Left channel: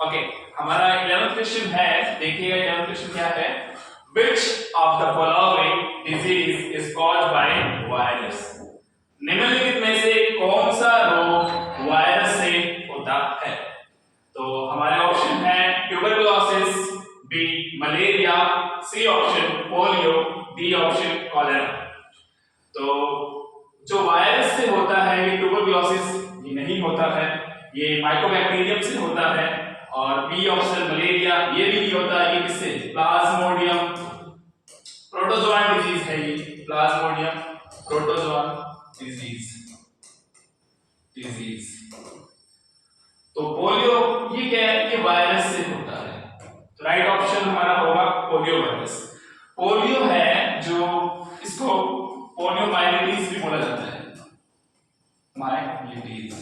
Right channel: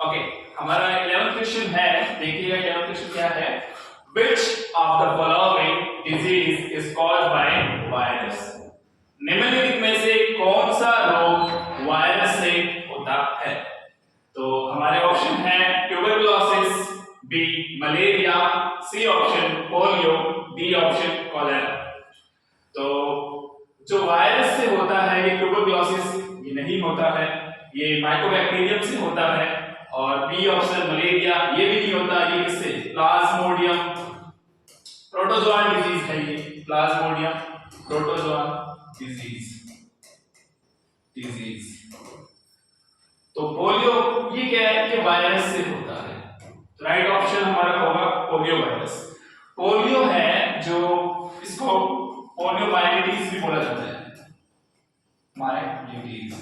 Okay, हमारा 11th question है, देखिएगा 11th क्वेश्चन क्या है। Which of the following disease is caused by virus? निम्नलिखित में से कौन सा रोग वायरस से होता है? तो हमारे ऑप्शन है tuberculosis, B malaria, C option polio, D option cholera. तो जो वायरस से होता है ये ट्यूबरकुलोसिस ये नहीं होता है, ये माइकोबैक्टीरियम से होता है। और बी ऑप्शन मलेरिया ये भी नहीं होता, ये किससे, प्लाज्मोडियम प्रोटोजोआन डिजीज है ये, प्लाज्मोडियम प्रोटोजोआन डिजीज। तो पोलियो ये क्या है, ये वायरस से होता है। तो राइट ऑप्शन हमारा होगा पोलियो वायरस। पोलियो है जो, इसको पोलियो माइलिटीज भी बोला जाता है, माइलिटीज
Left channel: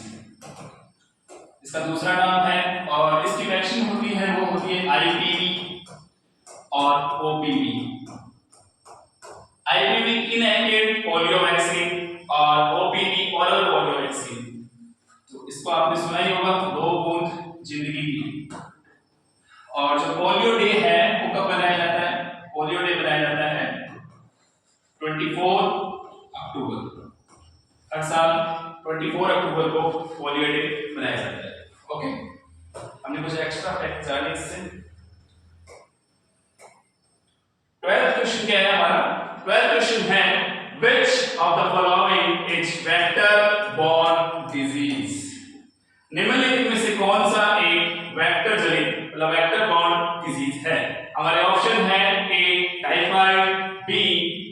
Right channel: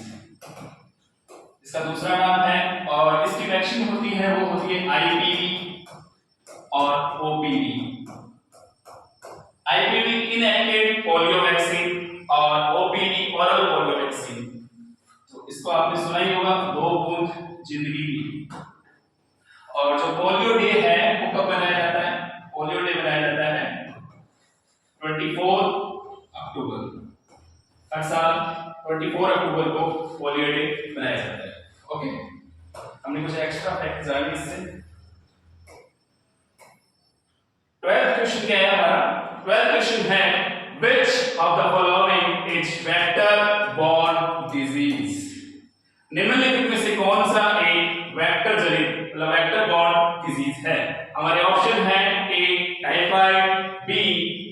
इसका दूसरा नाम है। और इसकी वैक्सीन होती है वो होती है आईपीवी और OPV. IPv inactive polio vaccine और ओपीवी ओरल पोलियो वैक्सीन। तो इसको आपने सुना ही होगा, 2 बूंद जिंदगी की। और जो पोलियो डे है वो कब मनाया जाता है? पोलियो डे मनाया जाता है 24 अक्टूबर। हर साल 24 अक्टूबर को पोलियो डे मनाया जाता है। ओके, हमने कुछ एक्स्ट्रा फैक्ट जाने इससे। 12th क्वेश्चन क्या है हमारा? 12th क्वेश्चन है which of the following is vector borne disease? निम्नलिखित में से कौन सा एक वेक्टर जनित मतलब वेक्टर बॉर्न डिजीज है? हमारे ऑप्शन है ए टाइफाइड, बी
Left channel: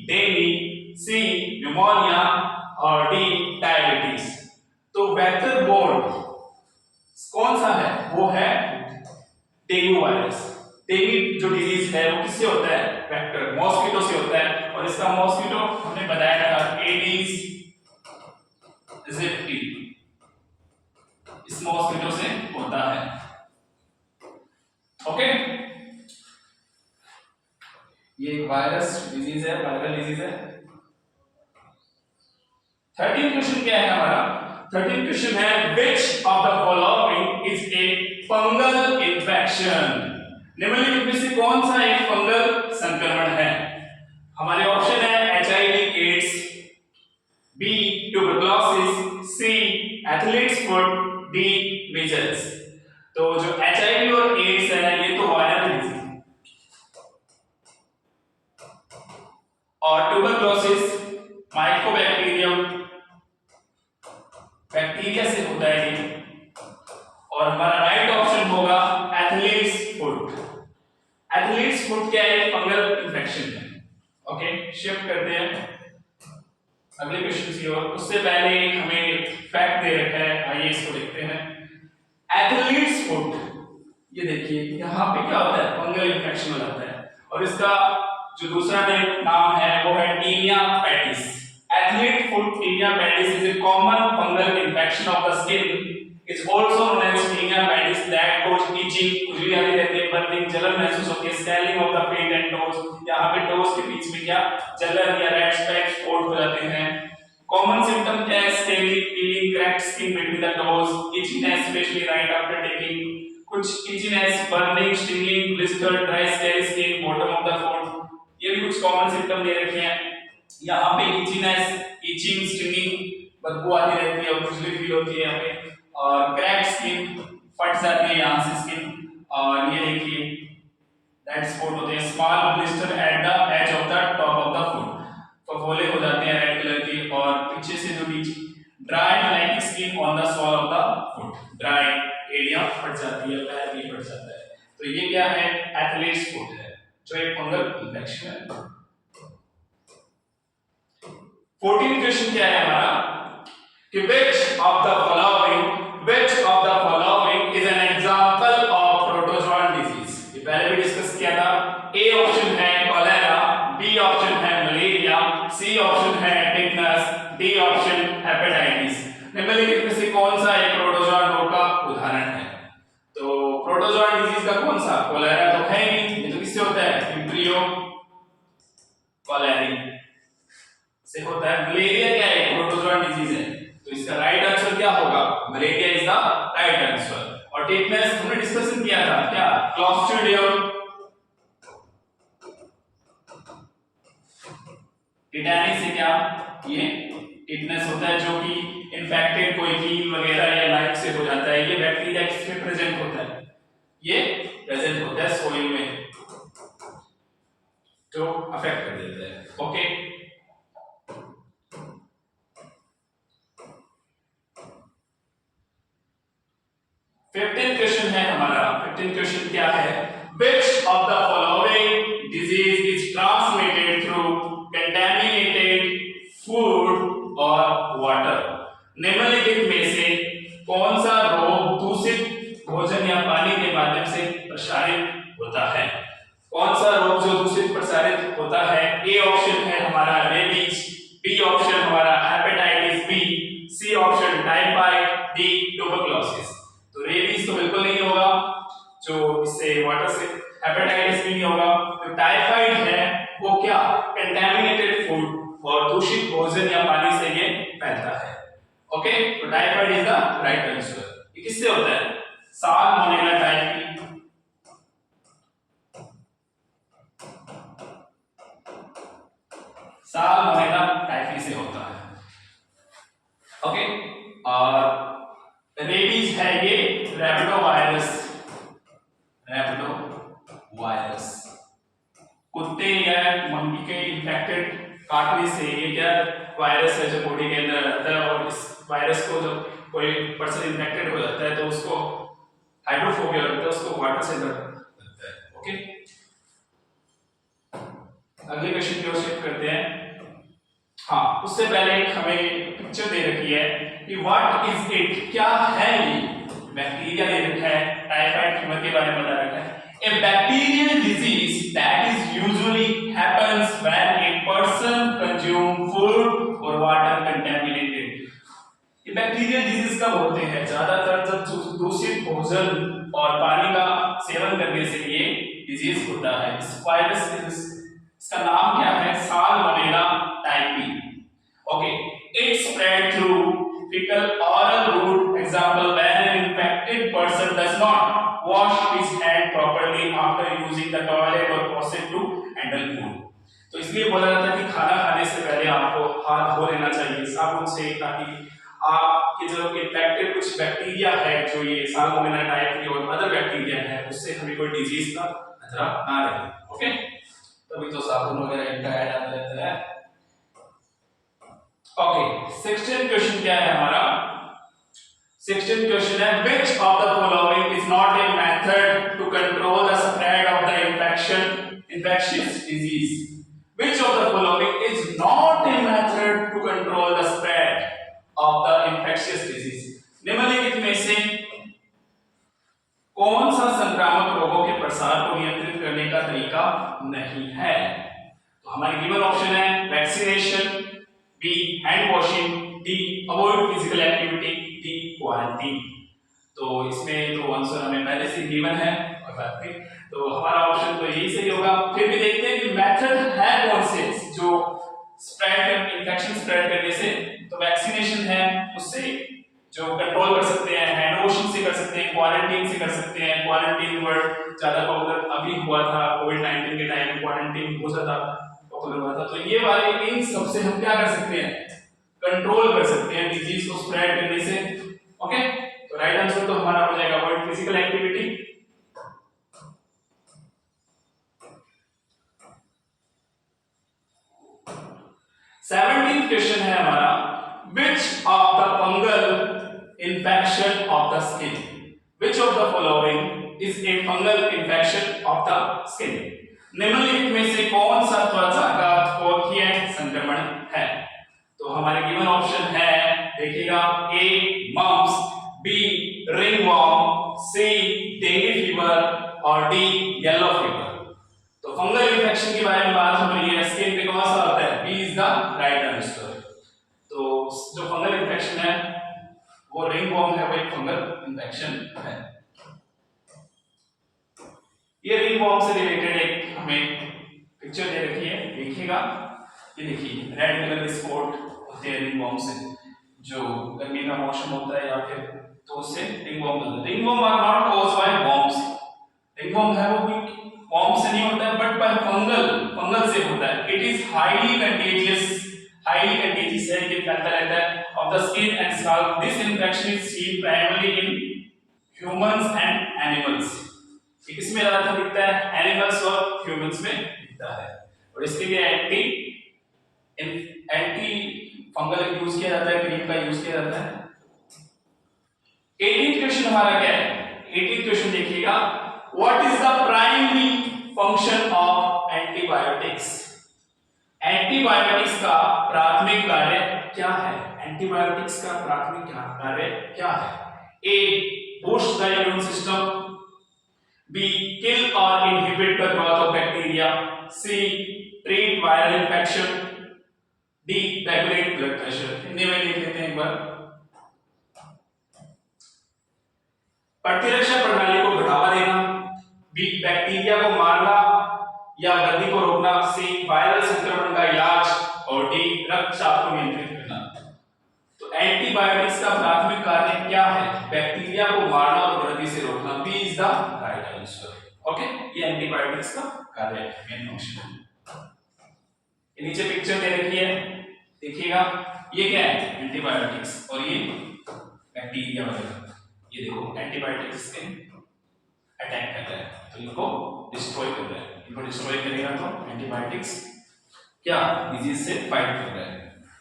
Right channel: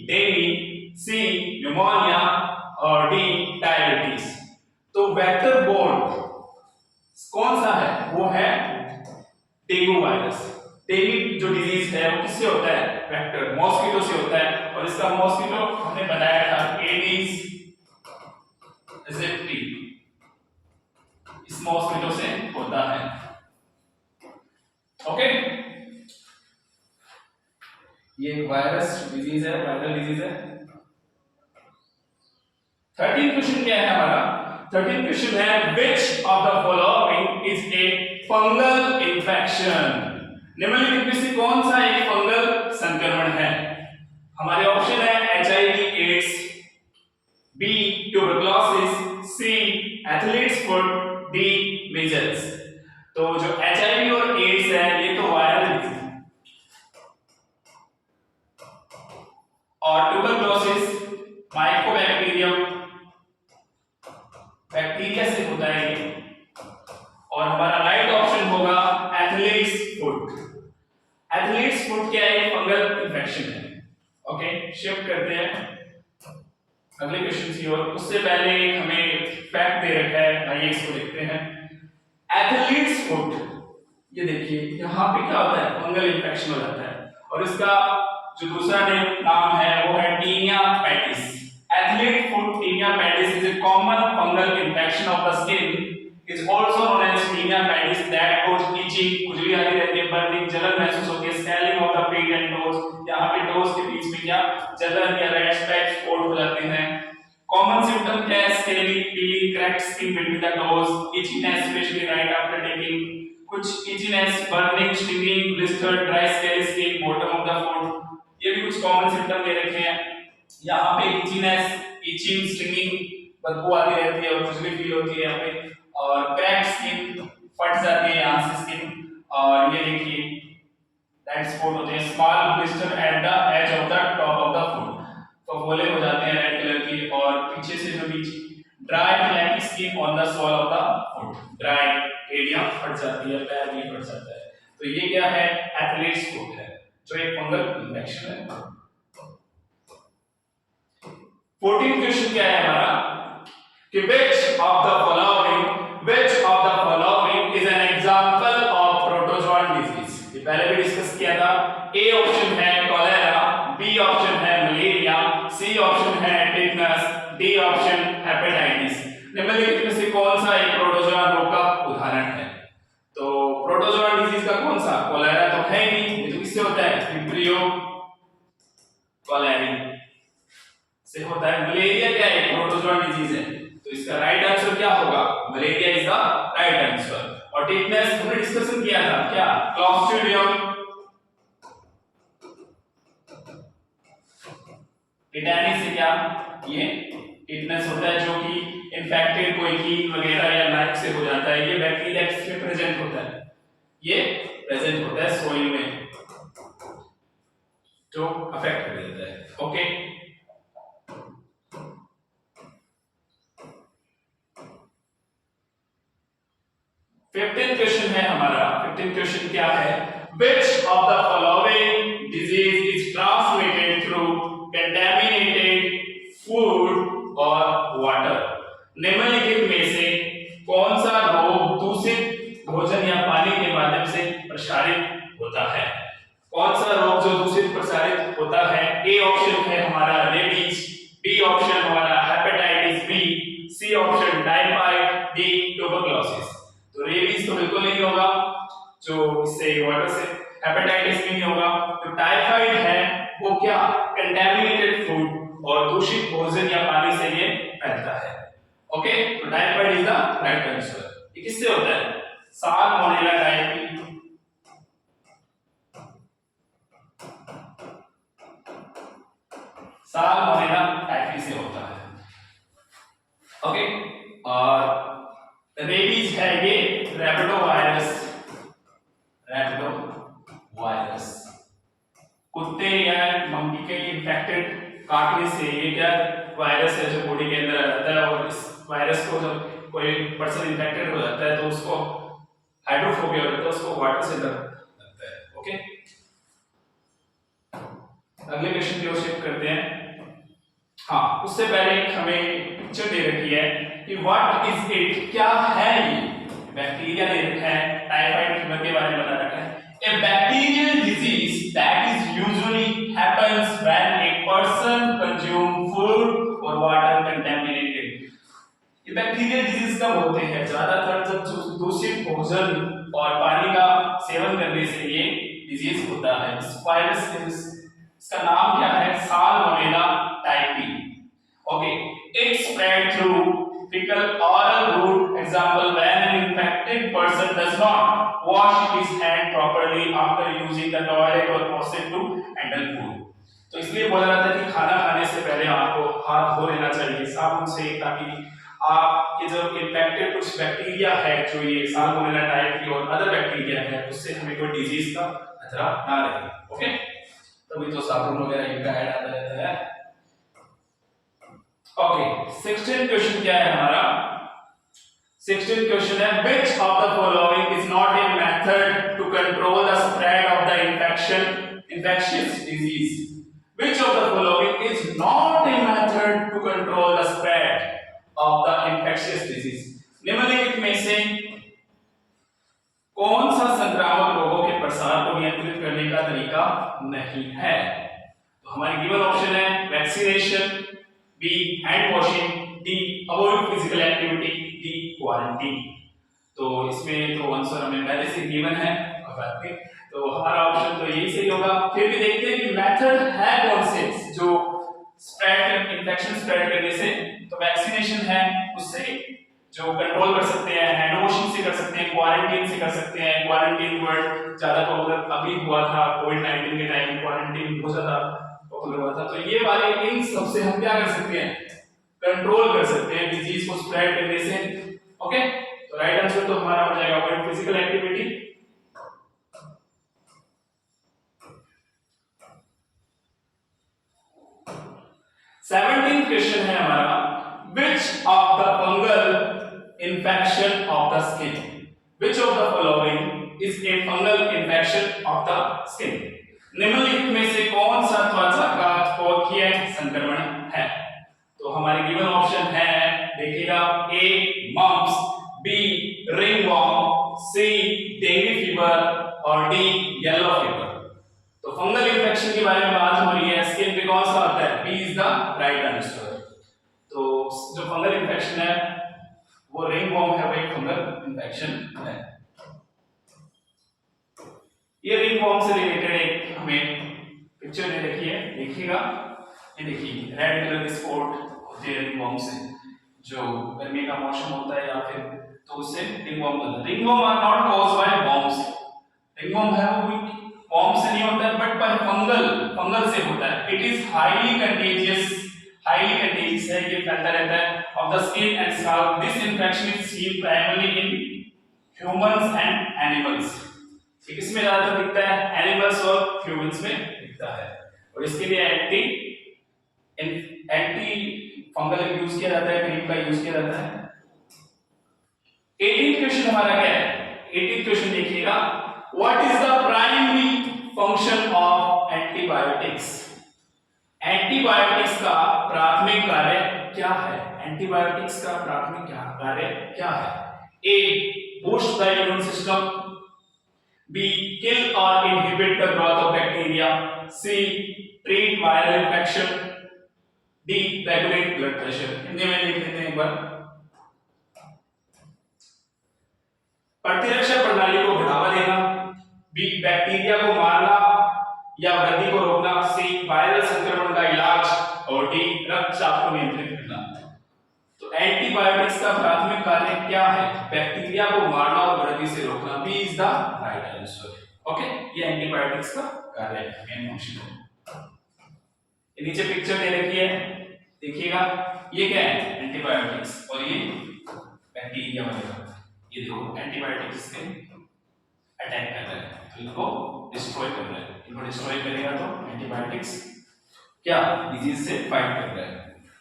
डेंगू, सी न्यूमोनिया और डी डायबिटीज। तो वेक्टर बॉर्न कौन सा है? वो है डेंगू वायरस। डेंगू जो डिजीज है वो किससे होता है? वेक्टर मॉस्किटो से होता है। और इसका मॉस्किटो हमने बताया था एडिस एजिप्टी, इस मॉस्किटो से होता है। ओके, ये वायरस डिजीज है, वायरल डिजीज है। 13 क्वेश्चन क्या है हमारा? 13 क्वेश्चन है which of the following is a fungal infection? निम्नलिखित में से कौन सा एक फंगल संक्रमण है? हमारे ऑप्शन है HIV एड्स, बी ट्यूबरकुलोसिस, सी एथलीट्स फुट, डी मीजल्स। तो जो HIV और एड्स है ये तो वायरल डिजीज है, और ट्यूबरकुलोसिस माइकोबैक्टीरियम बैक्टीरिया से होता है ये। और हमारा राइट ऑप्शन होगा एथलीट्स फुट। एथलीट्स फुट क्या है? फंगल इंफेक्शन है। ओके, शिफ्ट करते हैं अगले क्वेश्चन की ओर। उससे पहले हमें फैक्ट दे रखा है, आइए इसको देखते हैं। एथलीट्स फुट, ये देखिए यहाँ पे क्या होता है? फंगल इंफेक्शन हो जाता है। और इसका जो दूसरा नाम है वो है tinea pedis. Athlete foot tinea pedis is a common fungal infection of the skin. It's also known as tinea pedis that cause itching, खुजली आती रहती है, burning, जलन महसूस होती है, swelling of the feet and toes। यहाँ पे toes के बीच में क्या जलन या red spots स्पॉट हो जाते हैं। Common symptom क्या है? scaly, peeling, cracked skin between the toes, itchiness especially right after taking, कुछ itchiness, burning, stinging, blistered, dry, scaly skin, bottom of the foot। ये भी कुछ common symptom दे रखे हैं। यहाँ पे इचिनेस, इचिंग, स्टिंगिंग, बदबू आती रहती है और खुजली फील होती है यहाँ पे। और क्रैक्ड स्किन, फट जाती है यहाँ से स्किन। और ये देखिए रेड स्पॉट होते हैं, small blister at the edge of the top of the foot, फफोले हो जाते हैं रेड कलर की। और पीछे से जो बीच dry flaky skin on the sole of the foot, dry area फट जाती है, पैर भी फट जाता है। तो ये क्या है? एथलीट्स फुट है, जो एक फंगल इंफेक्शन है। 14 क्वेश्चन क्या है हमारा कि which of the following is an example of protozoan disease? ये पहले भी डिस्कस किया था। ए ऑप्शन है कॉलेरा, बी ऑप्शन है मलेरिया, सी ऑप्शन है टिटनस, डी ऑप्शन हेपेटाइटिस। निम्नलिखित में से कौन सा एक प्रोटोजोआन रोग का उदाहरण है? तो प्रोटोजोआन डिजीज का कौन सा? कॉलेरा तो है नहीं, ये तो किससे होता है? विब्रियो कॉलेरी से होता है। मलेरिया क्या है? प्रोटोजोआन डिजीज है। तो इसका राइट आंसर क्या होगा? Malaria is the right answer. और और टिटनेस हमने डिस्कशन किया था क्या, क्लॉस्ट्रिडियम, टिटैनिक से क्या ये टिटनेस होता है जो कि इन्फेक्टेड कोई कील वगैरह या लाइफ से हो जाता है, ये बैक्टीरिया किसमें प्रेजेंट होता है, ये प्रेजेंट होता है सोइल में जो अफेक्ट कर देता है। ओके, फिफ्टीन क्वेश्चन है हमारा। फिफ्टीन क्वेश्चन क्या है, which of the following disease is transmitted through contaminated food और वाटर, निम्नलिखित में से कौन सा रोग दूषित भोजन या पानी के माध्यम से प्रसारित होता है, कौन सा रोग जो दूषित प्रसारित होता है। ए ऑप्शन है हमारा रेबीज, बी ऑप्शन हमारा hepatitis B, C option typhoid, D tuberculosis. तो रेबीज तो बिल्कुल नहीं होगा जो इससे वाटर से, हेपेटाइटिस भी नहीं होगा, तो टाइफाइड है वो क्या कंटेमिनेटेड फूड और दूषित भोजन या पानी से ये फैलता है। ओके, तो typhoid is the right answer. ये किससे होता है, साल्मोनेला टाइफी, साल्मोनेला टाइफी से होता है। ओके, और रेबीज है ये रैबिडोवायरस, रैबिडोवायरस कुत्ते या मंकी के इन्फेक्टेड काटने से ये क्या वायरस है जो बॉडी के अंदर रहता है, और इस वायरस को जब कोई पर्सन इन्फेक्टेड हो जाता है तो उसको हाइड्रोफोबिया होता है, उसको वाटर से डर लगता है। ओके, अगले क्वेश्चन की ओर शिफ्ट करते हैं। हाँ, उससे पहले एक हमें पिक्चर दे रखी है कि व्हाट इज इट, क्या है ये, बैक्टीरिया दे रखा है, टाइफाइड फीवर के बारे में बता रखा है। A bacterial disease that is usually happens when a person consume food or water contaminated। ये बैक्टीरियल डिजीज कब होते हैं, ज्यादातर जब दूषित भोजन और पानी का सेवन करने से ये डिजीज होता है। इस वायरस इसका नाम क्या है, salmonella typhi. Okay, it spread through fecal oral route, example when an infected person does not wash his hand properly after using the toilet or proceed to handle food। तो इसलिए बोला जाता है कि खाना खाने से पहले आपको हाथ धो लेना चाहिए साबुन से, ताकि आपके जो इन्फेक्टेड कुछ बैक्टीरिया है जो ये साल्मोनेला टाइफी और अदर बैक्टीरिया है उससे हमें कोई डिजीज का खतरा ना रहे। ओके, तभी तो साबुन वगैरह इनका ऐड आता रहता है। ओके, 16 क्वेश्चन क्या है हमारा, 16 क्वेश्चन है which of the following is not a method to control the spread of the infectious disease, which of the following is not a method to control the spread of the infectious disease, निम्नलिखित में से कौन सा संक्रामक रोगों के प्रसार को नियंत्रित करने का तरीका नहीं है। तो हमारे गिवन ऑप्शन है vaccination, B hand washing, D avoid physical activity, D quarantine. तो इसमें तो आंसर हमें पहले से गिवन है और बात में, तो हमारा ऑप्शन तो यही सही होगा। फिर भी देखते हैं कि मेथड है कौन से जो स्प्रेड इन्फेक्शन स्प्रेड करने से, तो वैक्सीनेशन है उससे जो कंट्रोल कर सकते हैं, हैंड वॉशिंग से कर सकते हैं, क्वारंटीन से कर सकते हैं। क्वारंटीन वर्ड ज्यादा पॉपुलर अभी हुआ था कोविड-19 के टाइम, क्वारंटीन बहुत ज्यादा पॉपुलर हुआ था। तो ये वाले इन सब से हम क्या कर सकते हैं, कंट्रोल कर सकते हैं डिजीज को स्प्रेड करने से। ओके, तो राइट आंसर तो हमारा हो जाएगा avoid physical activity. Seventeenth question है हमारा, which of the fungal infection of the skin, which of the following is a fungal infection of the skin, निम्नलिखित में से कौन सा त्वचा का त्वकीय संक्रमण है। तो हमारे गिवन ऑप्शन है देखिएगा, ए मम्प्स, बी रिंगवॉर्म, सी डेंगू फीवर और डी येलो फीवर। तो फंगल इन्फेक्शन के बारे में बात हो रही है, स्किन पे कौन सा आता है, B is the right answer. तो जो फंगल इन्फेक्शन है वो रिंगवॉर्म है, वो एक फंगल इन्फेक्शन है। ये रिंगवॉर्म से रिलेटेड एक हमें पिक्चर दे रखी है, देखिएगा। ये देखिए रेड कलर के स्पॉट होते हैं रिंगवॉर्म से, जो गर्मी का मौसम होता है या फिर तो उससे रिंगवॉर्म होता है। Ringworm are not caused by worms, ringworm है वो कोई वॉर्म से नहीं होता है बट बाय फंगल से होता है। इट इज हाईली कंटेजियस है, ये फैलता रहता है of the skin and scalp. This infection is seen primarily in humans and animals. ये किसमें ज्यादा दिखता है? एनिमल्स और ह्यूमंस में दिखता है। और इसके लिए एंटी फंगल यूज किया जाता है, क्रीम का यूज किया जाता है। 18th क्वेश्चन हमारा क्या है? 18th क्वेश्चन देखिएगा, what is the primary function of antibiotics? Antibiotics का प्राथमिक कार्य क्या है? एंटीबायोटिक्स का प्राथमिक कार्य क्या है? A, boost the immune system, B, kill और inhibit the growth of bacteria, C, treat viral infection, D, regulate blood pressure. Hindi में देख लेते हैं एक बार। प्रतिरक्षा प्रणाली को बढ़ावा देना, बी, बैक्टीरिया को मारना या वृद्धि को रोकना, सी, वायरल संक्रमण का इलाज, और डी, रक्तचाप को नियंत्रित करना। तो एंटीबायोटिक्स का प्राथमिक कार्य क्या है? बैक्टीरिया को मारना और वृद्धि से रोकना। B is the right answer. Okay, ये एंटीबायोटिक्स का कार्य है, मेन फंक्शन है। ये नीचे पिक्चर दे रखी है, देखिएगा, ये क्या है? एंटीबायोटिक्स, और ये बैक्टीरिया वगैरह। ये देखो एंटीबायोटिक्स से अटैक कर रहा है, तो इनको डिस्ट्रॉय कर रहा है। इनको डिस्ट्रॉय करेगा तो एंटीबायोटिक्स क्या डिजीज से फाइट कर रहा है,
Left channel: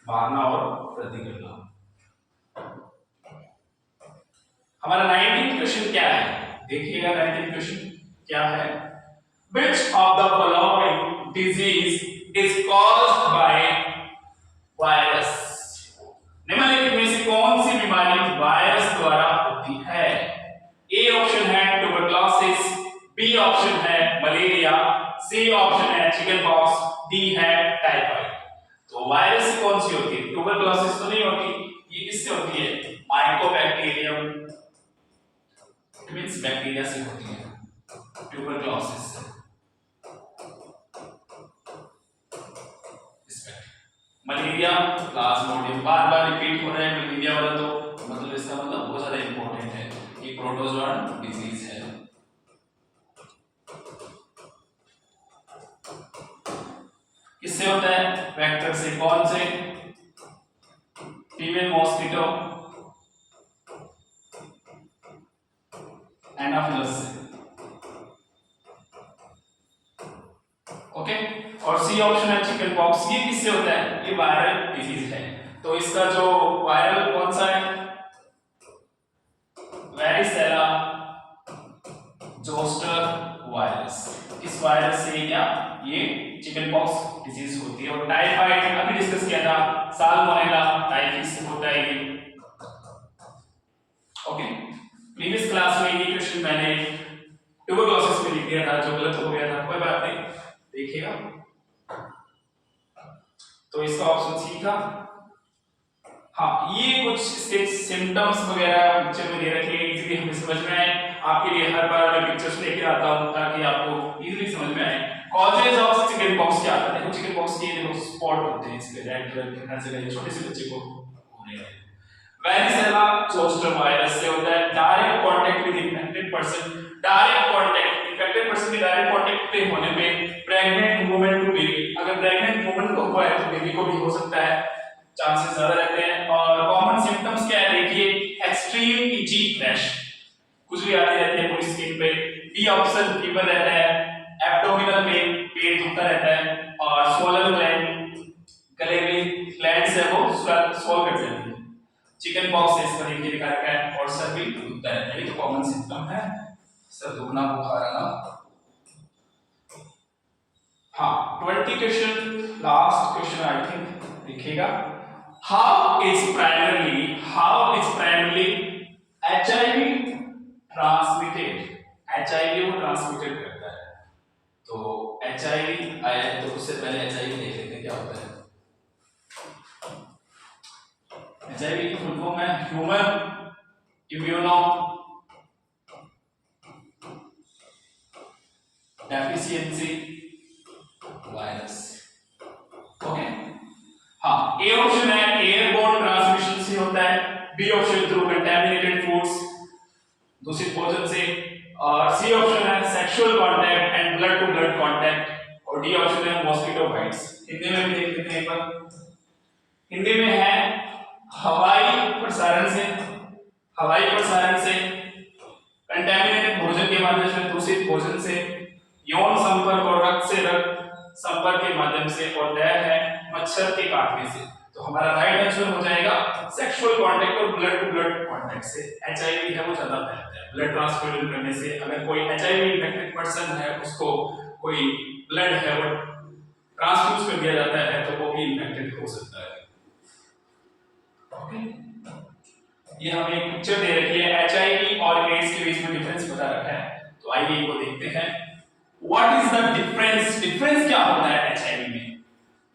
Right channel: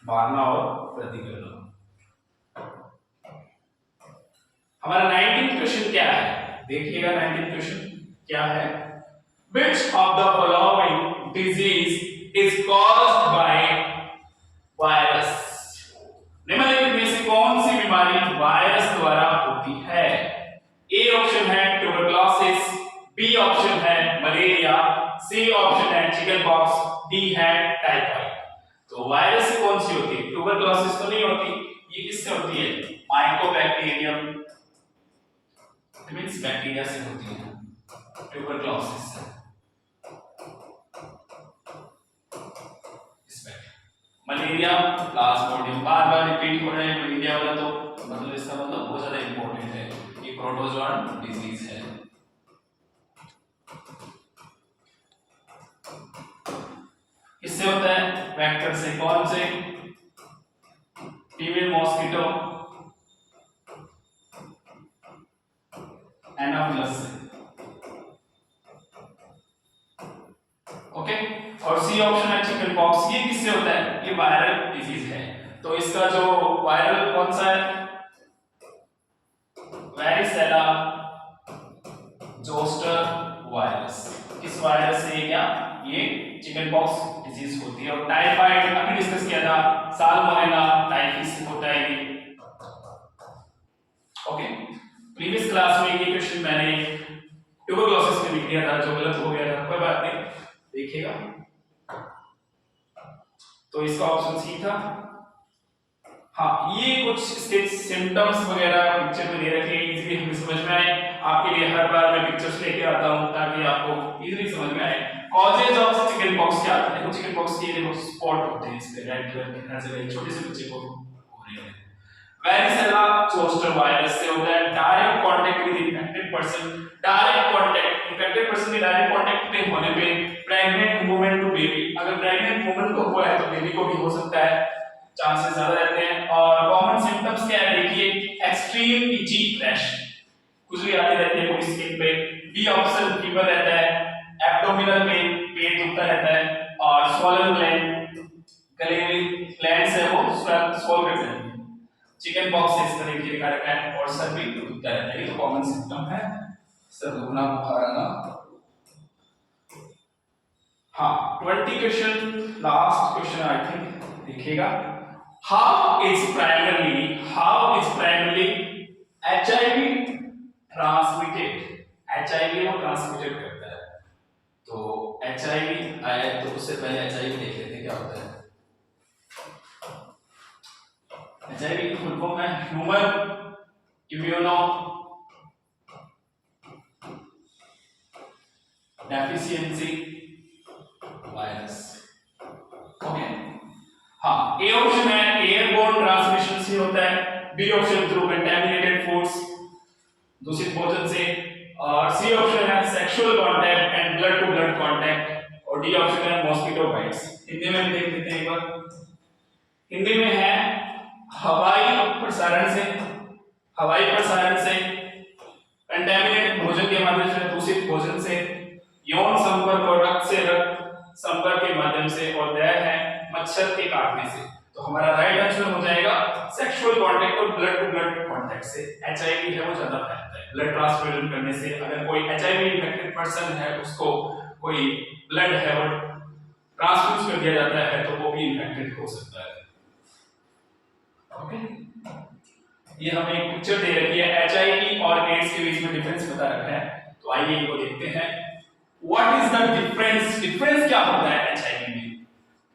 मारना और वृद्धि करना। हमारा 19th क्वेश्चन क्या है? देखिएगा 19th क्वेश्चन क्या है? Which of the following disease is caused by virus? निम्नलिखित में से कौन सी बीमारी वायरस द्वारा होती है? ए ऑप्शन है ट्यूबरकुलोसिस, बी ऑप्शन है मलेरिया, सी ऑप्शन है चिकन पॉक्स, डी है टाइफाइड। तो वायरस से कौन सी होती है? ट्यूबरकुलोसिस तो नहीं होती, ये किससे होती है? माइकोबैक्टीरियम, इट मींस बैक्टीरिया से होती है ट्यूबरकुलोसिस से। मलेरिया प्लाज्मोडियम, बार बार रिपीट हो रहा है मलेरिया वाला, तो मतलब इसका मतलब बहुत ज्यादा इंपॉर्टेंट है, ये प्रोटोजोआन डिजीज है। किससे होता है? वेक्टर से। कौन से? फीमेल मॉस्किटो, एनाफिलस से। ओके, और सी ऑप्शन है चिकन पॉक्स, ये किससे होता है? ये वायरल डिजीज है। तो इसका जो वायरल कौन सा है? Varicella zoster virus. इस वायरस से क्या ये चिकन पॉक्स डिजीज होती है। और टाइफाइड अभी डिस्कस किया था, साल्मोनेला टाइफस से होता है ये। ओके, प्रीवियस क्लास में ये क्वेश्चन मैंने ट्यूबरकुलोसिस में लिख दिया था, जो गलत हो गया था, कोई बात नहीं, देखिएगा। तो इसका ऑप्शन सी था। हाँ, ये कुछ इसके सिम्टम्स वगैरह पिक्चर में दे रखे हैं, इजीली हमें समझ में आए। आपके लिए हर बार मैं पिक्चर्स लेके आता हूं ताकि आपको इजीली समझ में आए। कॉजेज ऑफ चिकन पॉक्स क्या होता है? देखो चिकन पॉक्स के देखो स्पॉट होते हैं, इस पे रेड कलर के, हर जगह छोटे से बच्चे को हो रहे हैं। वेरिसेला जोस्टर वायरस से होता है direct contact with infected person. Direct contact, infected person के डायरेक्ट कांटेक्ट पे होने पे प्रेग्नेंट वुमन टू बेबी, अगर प्रेग्नेंट वुमन को हुआ है तो बेबी को भी हो सकता है, चांसेस ज्यादा रहते हैं। और कॉमन सिम्टम्स क्या है? देखिए, एक्सट्रीम इची रैश, खुजली आती रहती है पूरी स्किन पे। बी ऑप्शन फीवर रहता है, एब्डोमिनल पेन, पेट दुखता रहता है, और स्वॉलन ग्लैंड, गले में ग्लैंड्स है वो स्वॉल कर जाती है। चिकन पॉक्स से इसका देखिए दिखा रखा है, और सर भी दुखता रहता है, ये तो कॉमन सिम्टम है, सर दुखना, बुखार आना। हाँ, 20 question, last question I think, देखिएगा। How is primarily HIV transmitted? HIV वो ट्रांसमिटेड करता है। तो HIV आया, तो उससे पहले HIV देख लेते हैं क्या होता है। HIV की फुल फॉर्म है human immuno deficiency virus. Okay, हाँ, ए ऑप्शन है एयरबोर्न ट्रांसमिशन से होता है, B option through contaminated foods, दूषित भोजन से। और सी ऑप्शन है sexual contact and blood to blood contact, और डी ऑप्शन है मॉस्किटो बाइट्स। हिंदी में भी देख लेते हैं एक बार। हिंदी में है हवाई प्रसारण से, हवाई प्रसारण से, कंटामिनेटेड भोजन के माध्यम से, दूषित भोजन से, यौन संपर्क और रक्त से रक्त संपर्क के माध्यम से, और दया है मच्छर के काटने से। तो हमारा राइट आंसर हो जाएगा सेक्सुअल कांटेक्ट और ब्लड टू ब्लड कांटेक्ट से। एचआईवी है वो ज्यादा फैलता है ब्लड ट्रांसफ्यूजन करने से। अगर कोई एचआईवी इन्फेक्टेड पर्सन है, उसको कोई ब्लड है वो ट्रांसफ्यूज कर दिया जाता है, तो वो भी इन्फेक्टेड हो सकता है। ओके, ये हमें एक पिक्चर दे रखी है, एचआईवी और एड्स के बीच में डिफरेंस बता रखा है। तो आइए इनको देखते हैं। What is the difference? Difference क्या होता है एचआईवी में?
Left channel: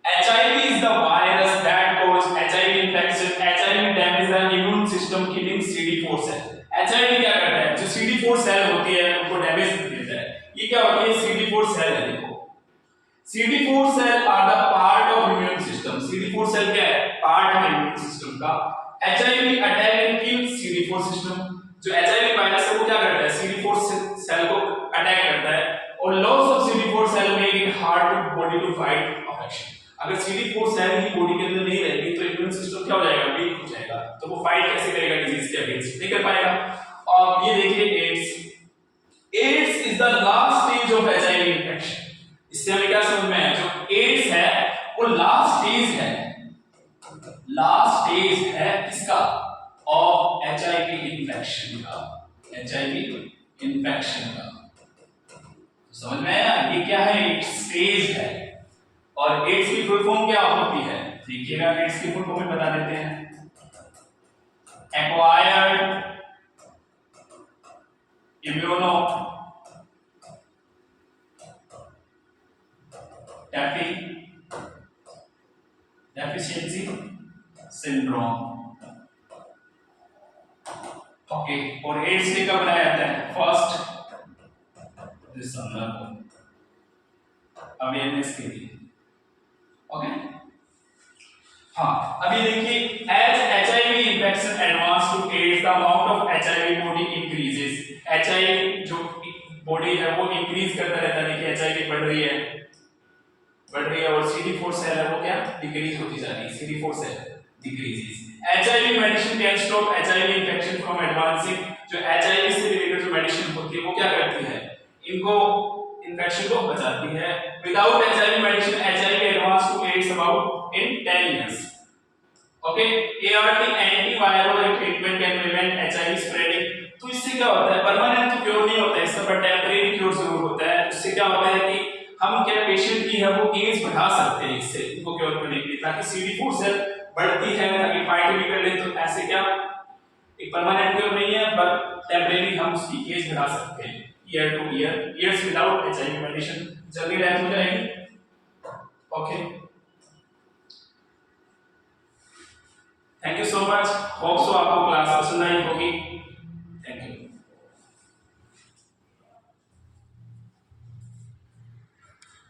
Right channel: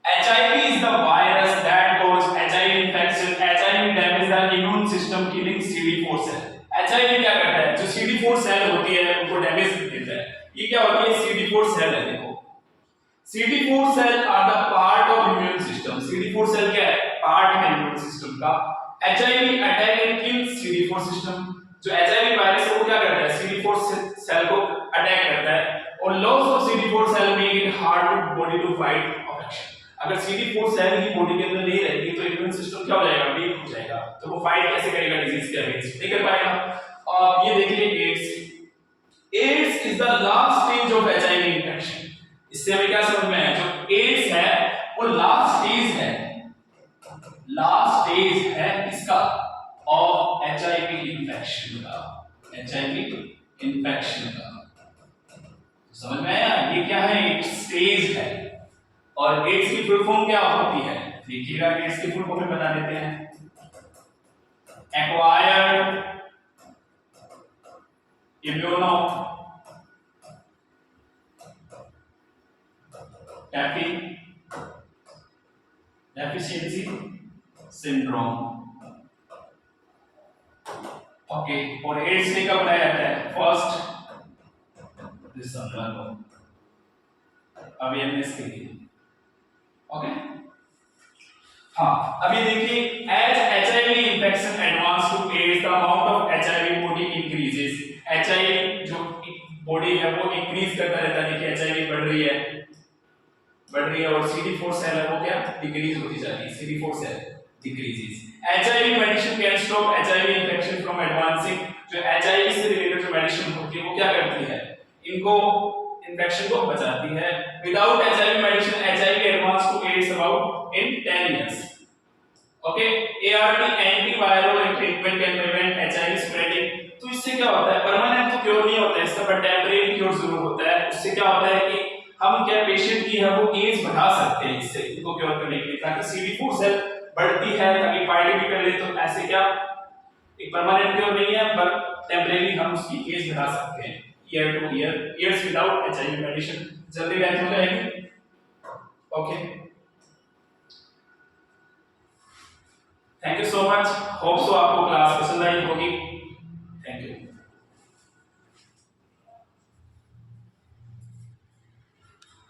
HIV is the virus that cause HIV infection. HIV damages the immune system, killing CD4 cell. HIV क्या करता है? जो CD4 सेल होती है उनको डैमेज कर देता है। ये क्या होती है? CD4 सेल है। देखो, CD4 cell are the part of immune system. CD4 cell क्या है? पार्ट है इम्यून सिस्टम का। HIV attack and kill CD4 system. जो HIV वायरस है वो क्या करता है? CD4 सेल को अटैक करता है, और loss of CD4 cell make it hard to body to fight infection. अगर CD4 सेल ही बॉडी के अंदर नहीं रहेगी तो इम्यून सिस्टम क्या हो जाएगा? वीक हो जाएगा। तो वो फाइट कैसे करेगा डिजीज के अगेंस्ट? नहीं कर पाएगा। और ये देखिए AIDS. AIDS is the last stage of HIV infection. इससे हमें क्या समझ में आया? जो एड्स है वो लास्ट स्टेज है, लास्ट स्टेज है इसका ऑफ एचआईवी इंफेक्शन का, एचआईवी इंफेक्शन का। समझ में आया? ये क्या है? एक स्टेज है। और एड्स की फुल फॉर्म क्या होती है? देखिएगा, एड्स की फुल फॉर्म में बता देते हैं। Acquired immuno deficiency syndrome. Okay, और एड्स डे कब बनाया जाता है? 1 दिसंबर को, अवेयरनेस के लिए। ओके, हाँ, अभी देखिए, as HIV infection advance to AIDS the amount of HIV body increases. HIV जो बॉडी है वो इंक्रीज करता रहता है। देखिए एचआईवी बढ़ रही है, और CD4 सेल है वो क्या? डिक्रीज होती जा रही है। CD4 cell decreases. HIV medicine can stop HIV infection from advancing. जो एचआईवी से रिलेटेड जो मेडिसिन होती है वो क्या करती है? इनको इन्फेक्शन को बचाती है। Without HIV medicine HIV advance to AIDS about in 10 years. Okay, ART antiviral treatment can prevent HIV spreading. तो इससे क्या होता है? परमानेंट तो क्योर नहीं होता है इसका, पर टेम्परेरी क्योर जरूर होता है। उससे क्या होता है कि हम क्या पेशेंट की है वो एज बढ़ा सकते हैं इससे, इनको क्योर करने के लिए, ताकि CD4 सेल बढ़ती है, ताकि फाइट भी कर ले। तो ऐसे क्या एक परमानेंट क्योर नहीं है, पर टेम्परेरी हम उसकी एज बढ़ा सकते हैं, year two year. Years without HIV medicine जल्दी डेथ हो जाएगी। Okay, thank you so much. Hope so आपको क्लास पसंद आई होगी।